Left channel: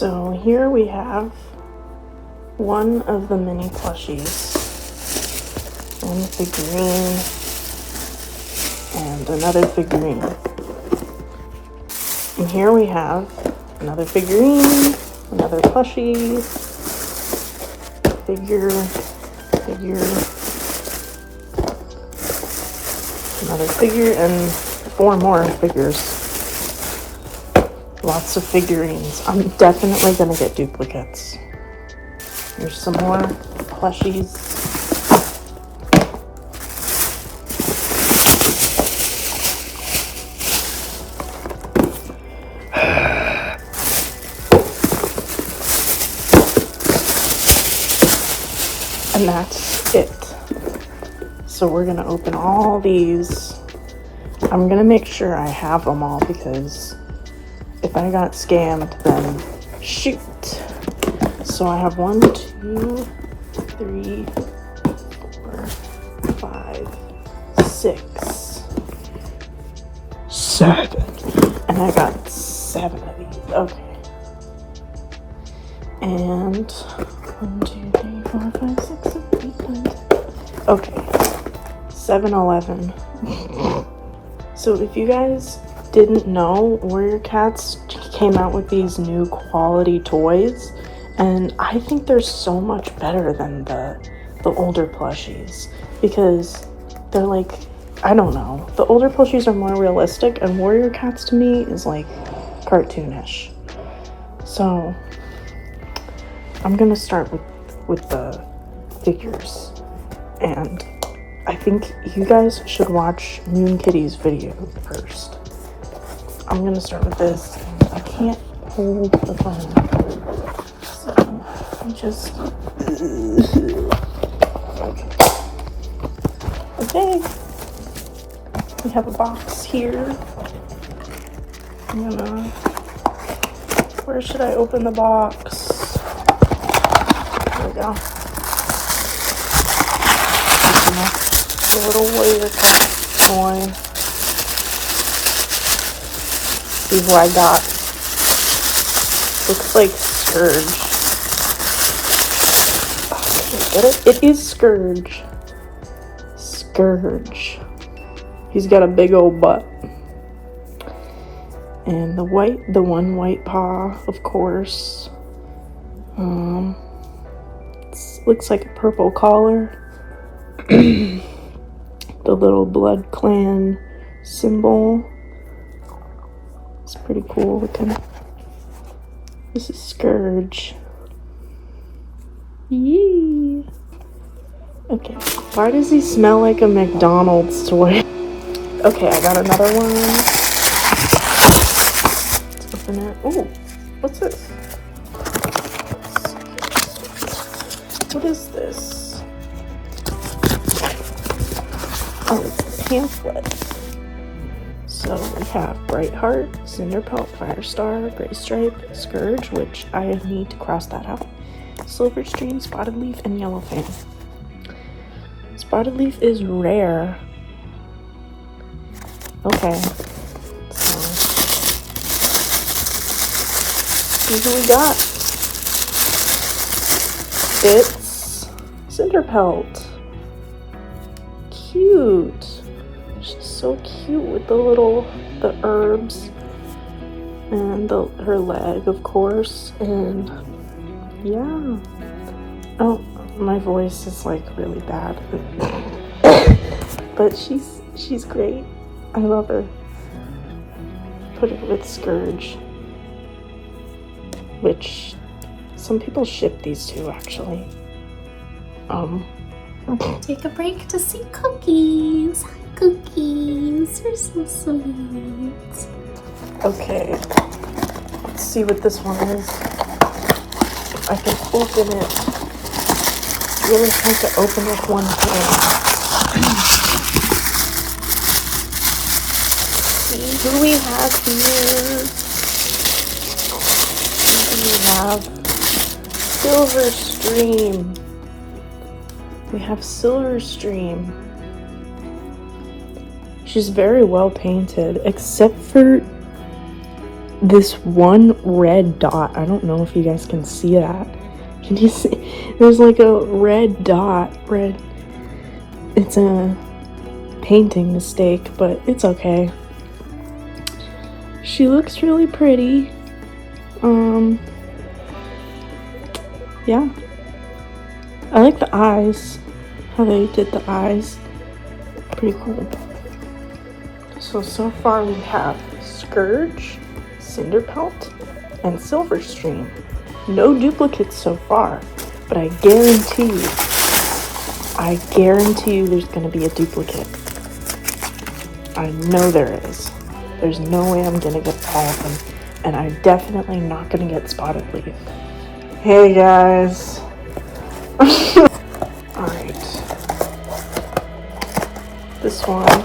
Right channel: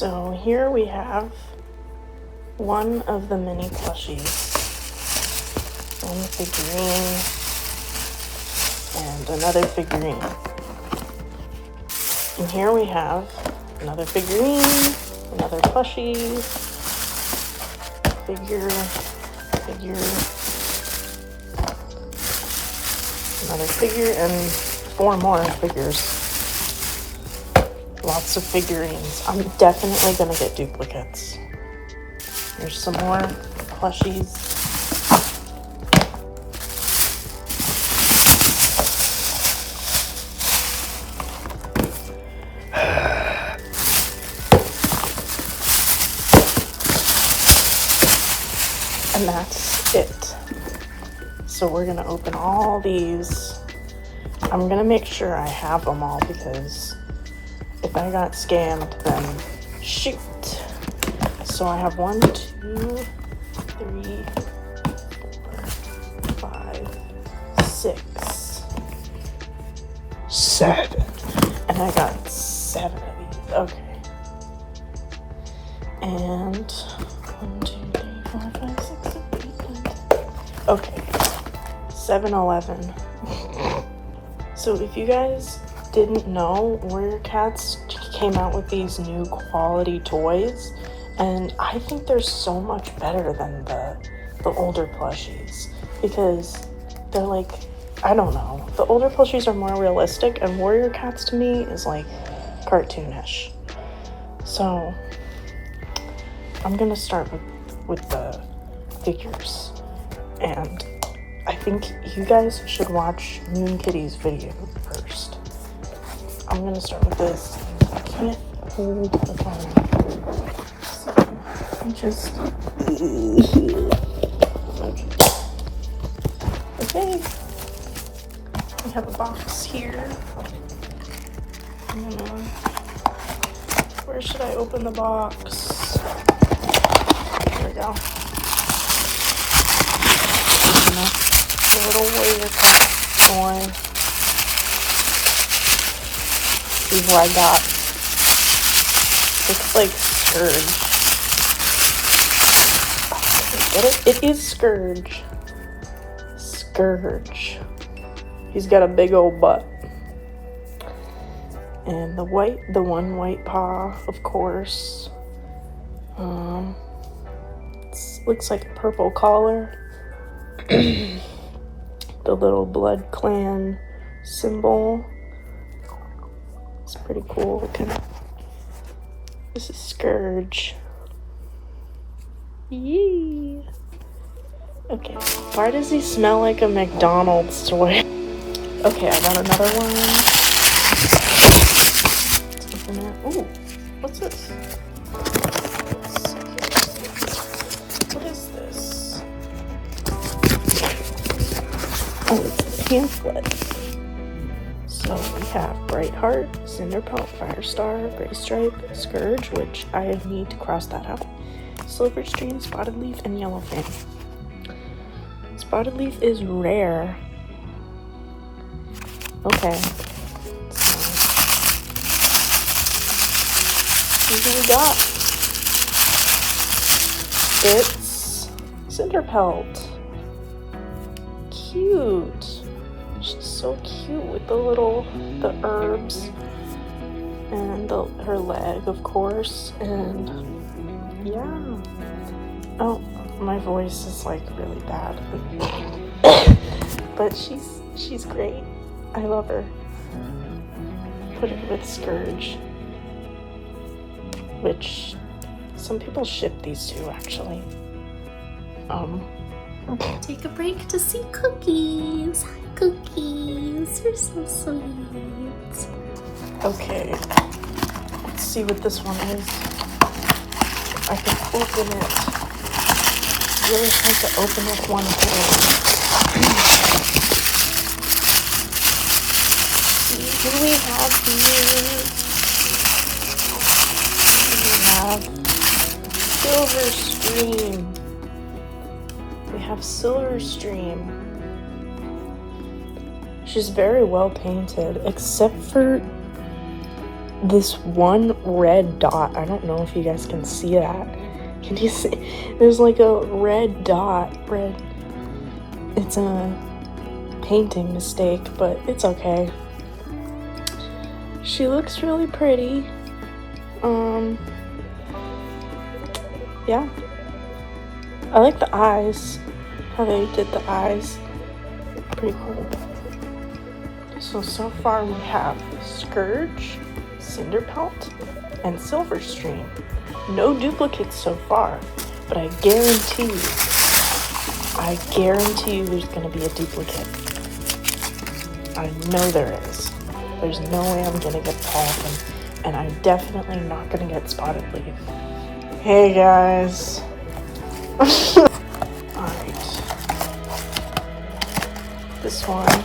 So here we have one of the mini plushies, one figurine, and another figurine. And here we have another figurine, another plushie, figure, another figure, and 4 more figures. Lots of figurines. I'm definitely gonna get duplicates. There's some more plushies. And that's it. So we're gonna open all these. I'm gonna make sure I have them all because if I got scanned, then shoot. So I have 1, 2, 3, 4, 5, 6, 7. And I got 7 of these. Okay. And 1, 2, 3, 4, 5, 6, 7, 8, 9, 10. Okay. 7, 11. So if you guys didn't know, Warrior Cats came out with these new quality toys, and I think they're so much better than the older plushies because they're like, I don't know, the older plushies are more realistic, and Warrior Cats to me is like cartoonish. So I'm gonna start with the figures, and I think you guys should watch Moon Kitty's video first. I'm gonna start with this. I can't hold the phone, so I just okay. We have a box here. Where should I open the box? There we go. A little Warrior Cat toy. See who I got. Looks like Scourge. It is Scourge. Scourge. He's got a big old butt. And the one white paw, of course. Looks like a purple collar. The little Blood Clan symbol. It's pretty cool looking. This is Scourge. Yee. Okay. Why does he smell like a McDonald's toy? Okay, I got another one. Let's open it. Oh, what's this? What is this? Oh, it's a pamphlet. So we have Brightheart, Cinderpelt, Firestar, Gray Stripe, Scourge, which I need to cross that out, Silverstream, Spotted Leaf, and Yellowfin. Spotted Leaf is rare. Okay. So what do we got? It's Cinderpelt. Cute. She's so cute with the herbs and her leg, of course, and yeah. Oh, my voice is like really bad, but she's great. I love her. Put it with Scourge, which some people ship these two actually. Take a break to see Cookies. Hi, Cookies. You're so sweet. Okay, let's see what this one is. I can open it. It's really hard to open with one hand. Let's see who we have here. We have Silverstream. We have Silverstream. She's very well painted, except for this one red dot. I don't know if you guys can see that. Can you see? There's like a red dot. It's a painting mistake, but it's okay. She looks really pretty. Yeah. I like the eyes. How they did the eyes. Pretty cool. So far we have Scourge, Cinderpelt, and Silverstream. No duplicates so far, but I guarantee you there's going to be a duplicate. I know there is. There's no way I'm going to get Polygon, and I'm definitely not going to get Spotted Leaf. Hey guys. Alright. This one.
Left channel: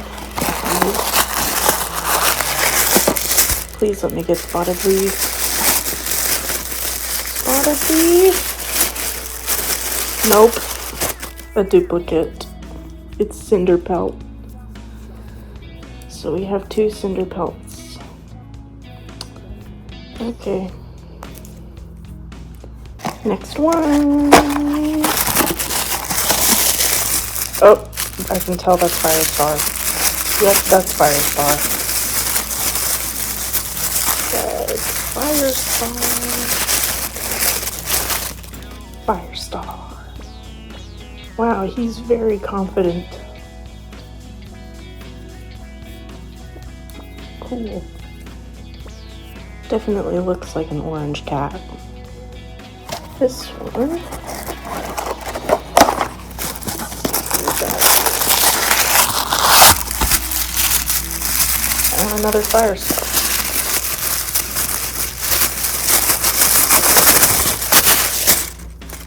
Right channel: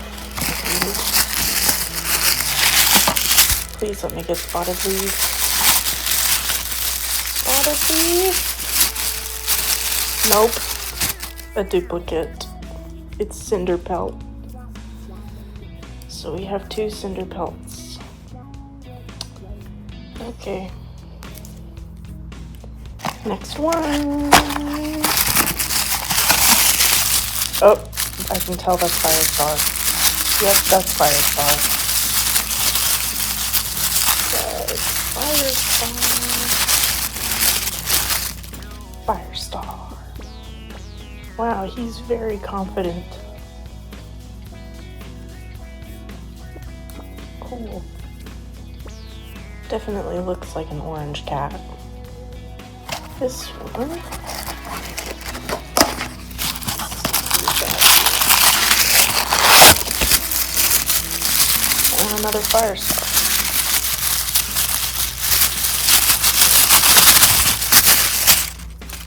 Please let me get Spotted Leaf. Spotted Leaf. Nope. A duplicate. It's Cinderpelt. So we have 2 Cinderpelts. Okay. Next one. Oh, I can tell that's Firestar. Yep, that's Firestar. Firestar. Wow, he's very confident. Ooh. Definitely looks like an orange cat. This one. And another Firestar.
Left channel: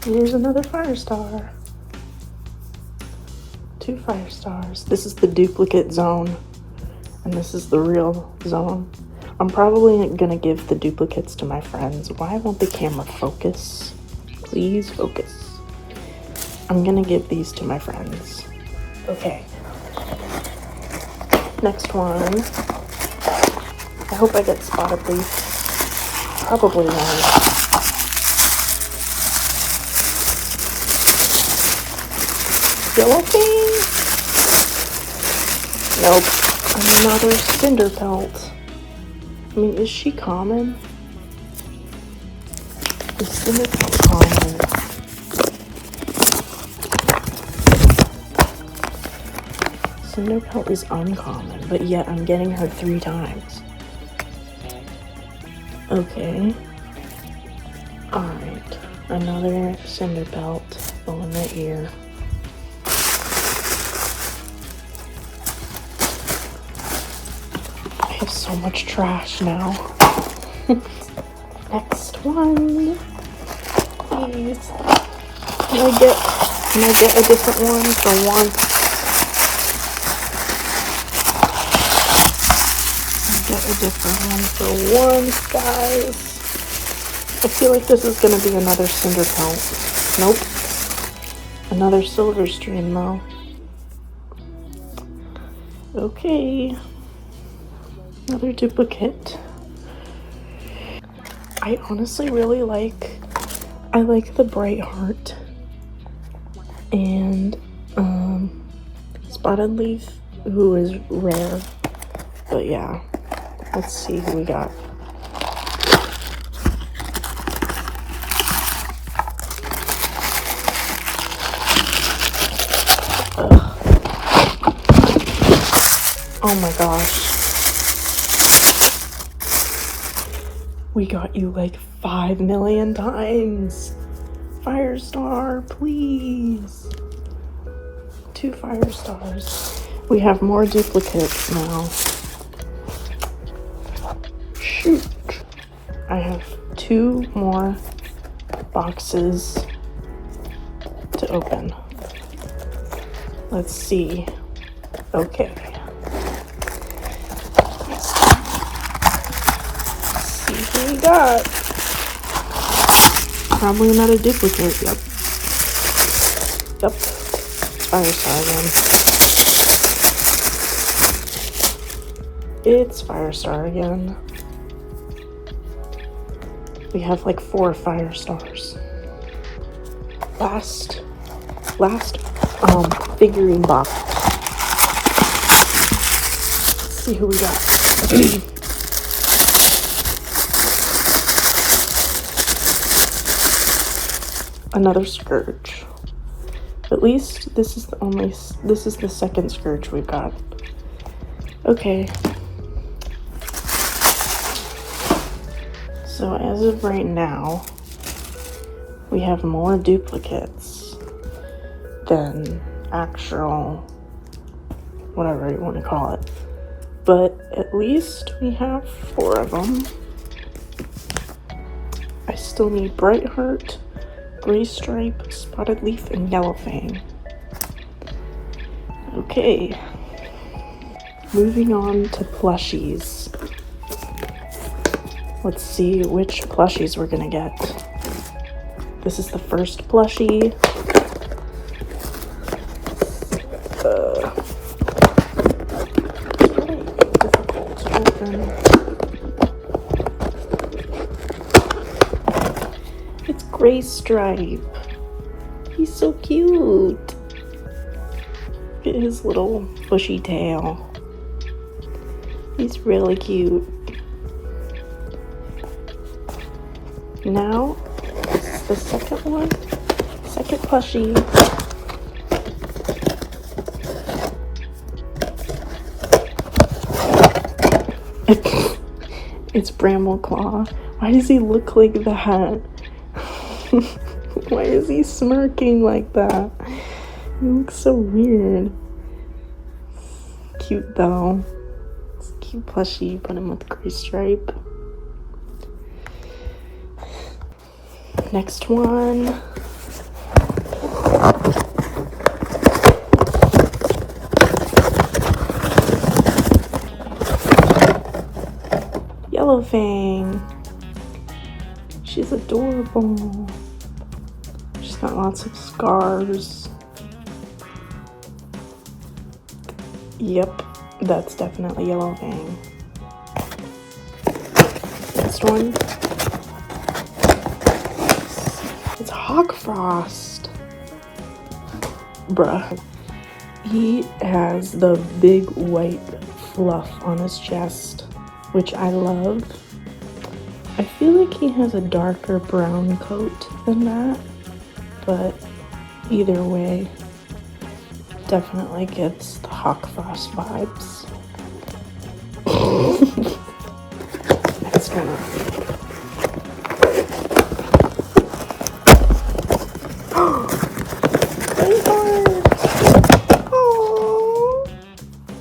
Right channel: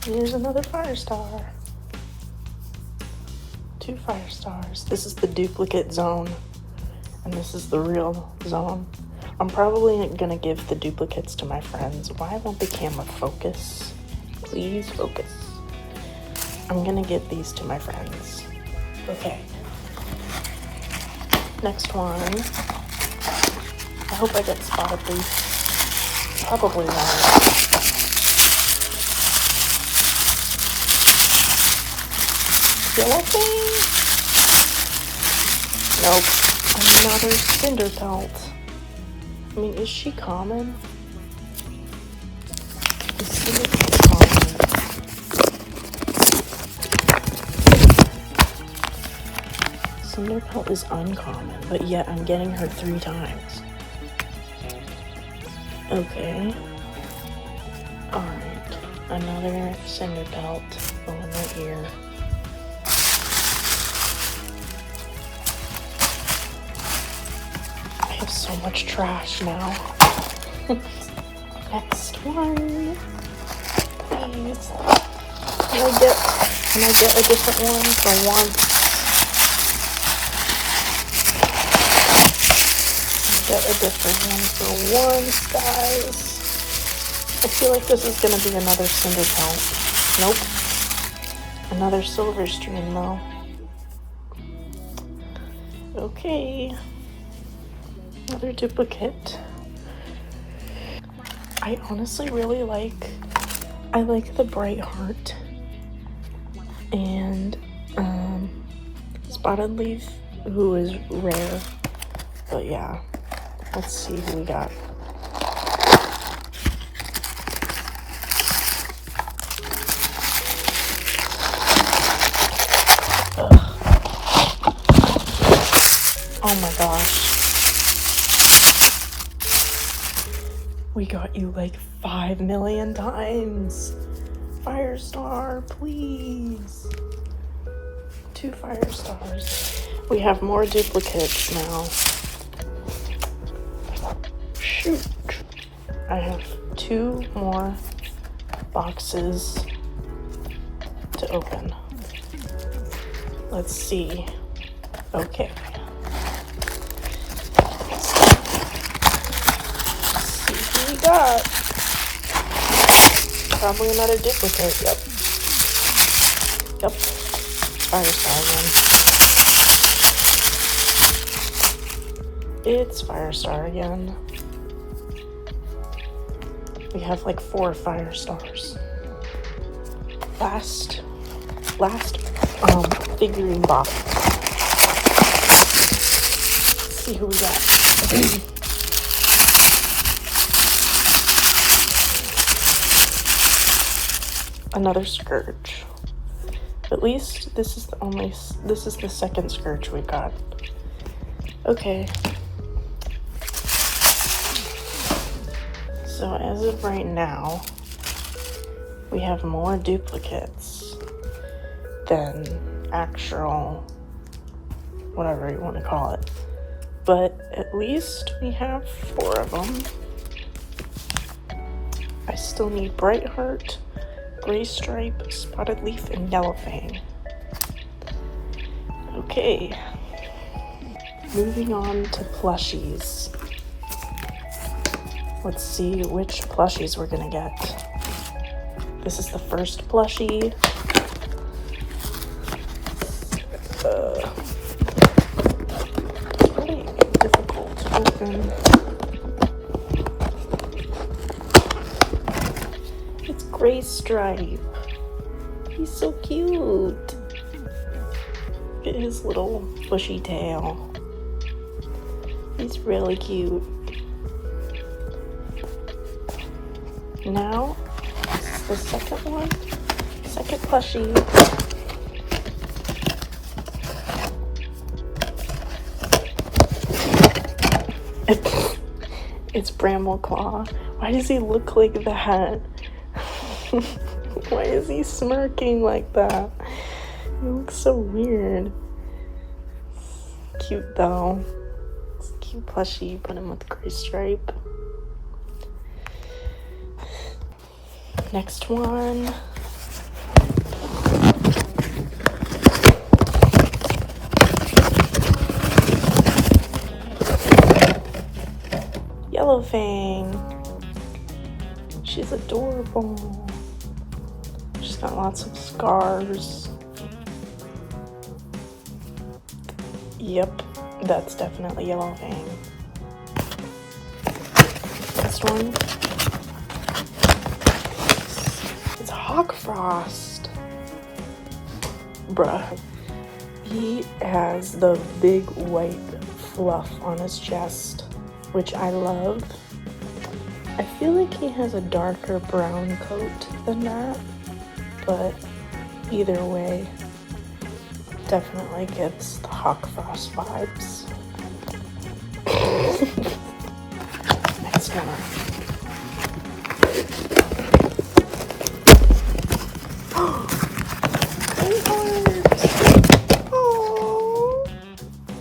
Here's another Firestar. 2 Firestars. This is the duplicate zone, and this is the real zone. I'm probably gonna give the duplicates to my friends. Why won't the camera focus? Please focus. I'm gonna give these to my friends. Okay. Next one. I hope I get Spotted Leaf. Probably won't. Skeleton? Nope. Another Cinderpelt. I mean, is she common? Is Cinderpelt common? Cinderpelt is uncommon, but yet I'm getting her 3 times. Okay. Alright. Another Cinderpelt. One in the ear. I have so much trash now. Next one. Please. Can I get a different one for once? Get a different one for once, guys. I feel like this is gonna be another Cinderpelt. Nope. Another Silverstream though. Okay. Another duplicate. I honestly really like the Bright Heart and Spotted Leaf, who is rare. But yeah, let's see who we got. Oh my gosh. We got you like 5 million times. Firestar, please. 2 Firestars. We have more duplicates now. Shoot. I have 2 more boxes to open. Let's see. Okay. Probably not a duplicate. Yep. It's Firestar again. It's Firestar again. We have like 4 fire stars. Last figurine box. Let's see who we got. Another Scourge. At least this is the second Scourge we've got. Okay. So as of right now, we have more duplicates than actual, whatever you want to call it. But at least we have 4 of them. I still need Brightheart, Gray Stripe, Spotted Leaf, and Yellow Fang. Okay. Moving on to plushies. Let's see which plushies we're gonna get. This is the first plushie. It's Gray Stripe. He's so cute. Look at his little bushy tail. He's really cute. Now, this is the second one. Second plushie. It's Brambleclaw. Why does he look like that? Why is he smirking like that? He looks so weird. Cute though. It's a cute plushie, put him with Gray Stripe. Next one. Yellow Fang. She's adorable. She's got lots of scars. Yep, that's definitely Yellow Fang. Next one. It's Hawkfrost. Bruh. He has the big white fluff on his chest, which I love. I feel like he has a darker brown coat than that, but either way, definitely gives the Hawkfrost vibes. Next one.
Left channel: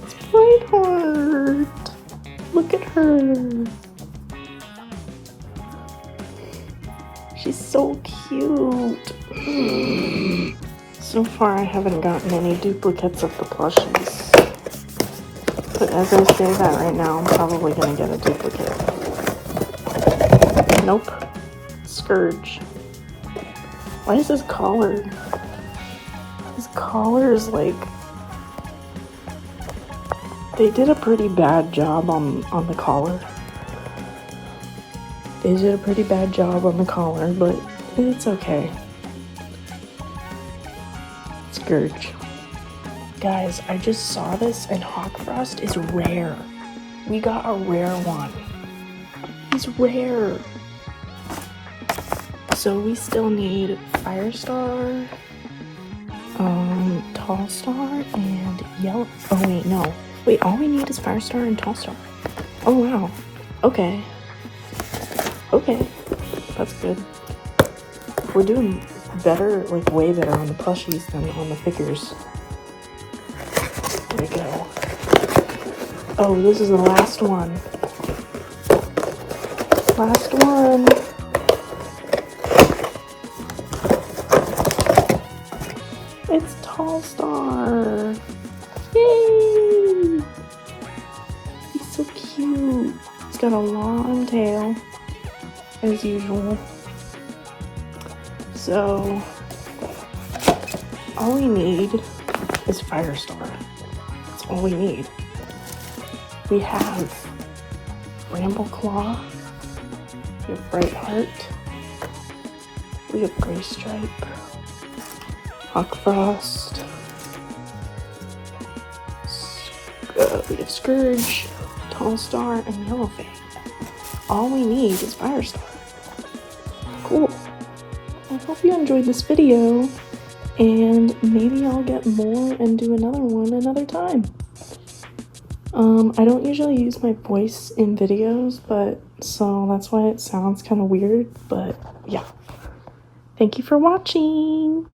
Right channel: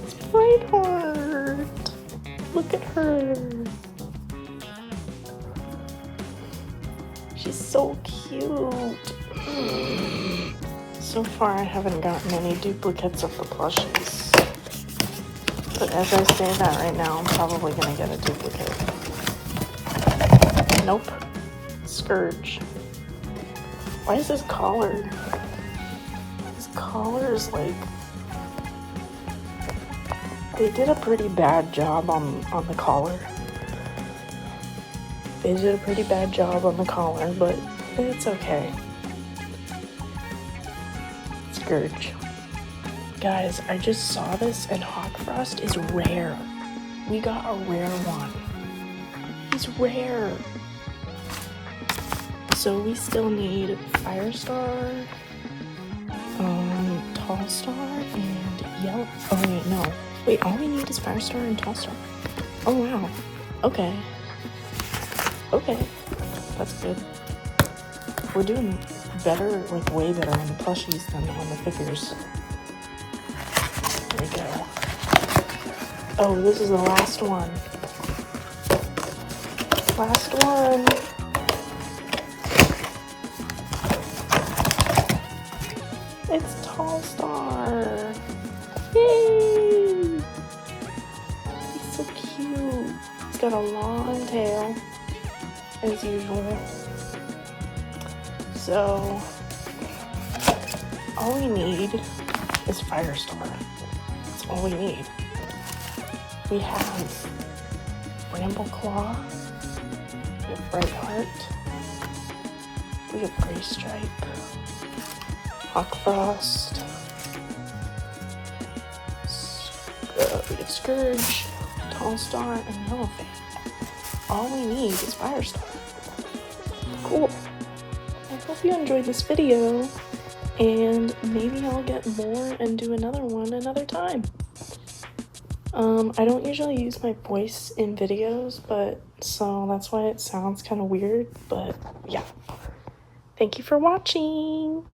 It's Brightheart. Look at her. She's so cute. So far, I haven't gotten any duplicates of the plushies. But as I say that right now, I'm probably gonna get a duplicate. Nope. Scourge. Why is his collar? His collar is like... They did a pretty bad job on the collar. They did a pretty bad job on the collar, but it's okay. Scourge. Guys, I just saw this and Hawkfrost is rare. We got a rare one. He's rare. So we still need Firestar, Tallstar, and Yellow. Oh wait, no. Wait, all we need is Firestar and Tallstar. Oh wow. Okay. Okay. That's good. We're doing better, like way better on the plushies than on the figures. Oh, this is the last one. Last one. It's Tallstar. Yay! He's so cute. He's got a long tail, as usual. So, all we need is Firestar. That's all we need. We have Brambleclaw, We have Bright Heart. We have Gray Stripe. Hawk Frost. We have Scourge, Tall Star, and Yellowfang. All we need is Firestar. Cool. I hope you enjoyed this video, and maybe I'll get more and do another one another time. I don't usually use my voice in videos, so that's why it sounds kind of weird, but yeah. Thank you for watching!